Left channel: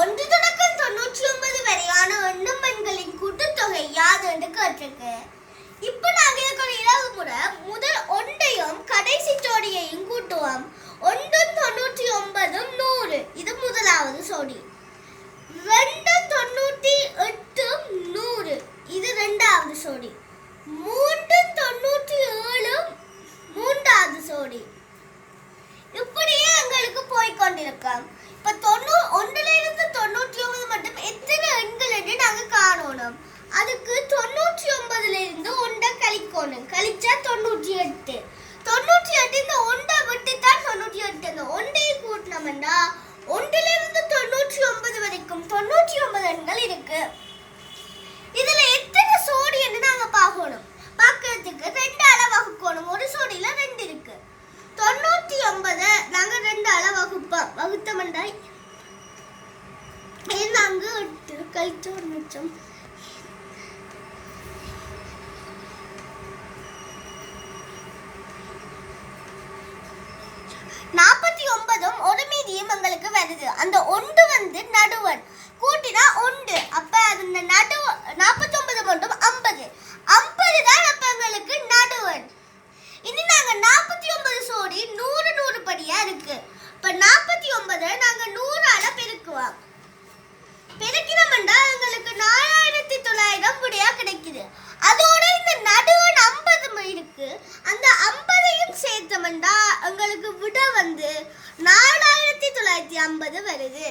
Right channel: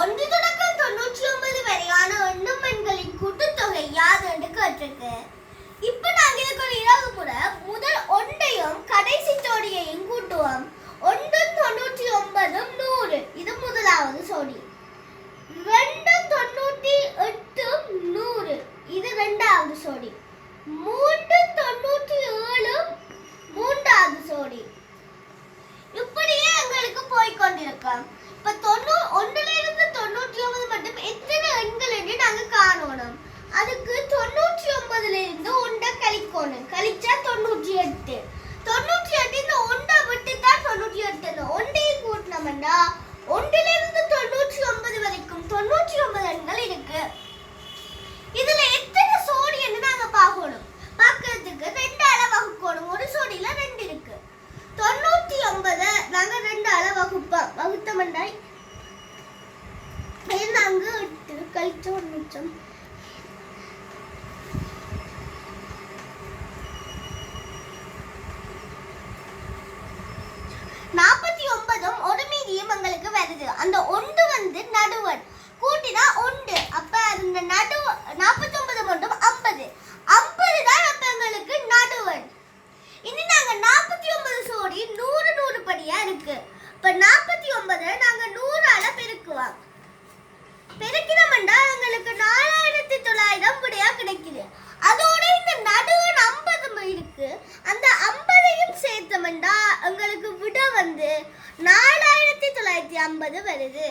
ஒன்று தொடக்கம் 99 வரையான எண்களின் கூட்டுத்தொகை யாது என்று கேட்டிருக்கு. இப்ப நாங்க இருக்கிற இலகு முறை முதல் ஒன்றையும் கடைசி ஜோடியையும் கூட்டுவோம். 1 99 100 இது முதலாவது ஜோடி. 2 98 100 இது இரண்டாவது ஜோடி. 3 97 மூன்றாவது ஜோடி. இப்படியே எங்களுக்கு போய்கொண்டிருக்கோம். இப்ப 1 இருந்து 99 மட்டும் எத்தனை எண்கள் என்று நாங்க காணணும். அதுக்கு 99 இருந்து 1 கழிக்கணும். கழிச்சா 98. 98 இந்த 1 விட்டு தான் 98. இந்த 1ஐ கூட்டினோம்னா 1 இருந்து 99 வரைக்கும் 99 எண்கள் இருக்கு. இதுல எத்தனை சோடி என்று நாங்க பார்க்கணும். பார்க்கிறதுக்கு 2ஆல வகுக்கணும். ஒரு சோடியில 2 இருக்கு. 99 நாங்க 2ஆல வகுத்தோம்னா நாங்க 8 கழிச்சோம் மிச்சம். ஒரு மீதியும் எங்களுக்கு வருது. அந்த 1 வந்து நடுவன் கூட்டினா 1. அப்ப அந்த 49 மட்டும் 50. 50 தான் அப்ப எங்களுக்கு நடுவன். இனி நாங்க 49 சோடி 100 படியா இருக்கு. இப்ப 49 நாங்க 100ஆல பெருக்குவோம். பெருக்கினோம்னா எங்களுக்கு 4900 படியா கிடைக்குது. அதோட இந்த நடுவன் 50 இருக்கு. அந்த 50ஐயும் சேர்த்தோம்னா எங்களுக்கு விட வந்து 4950 வருது.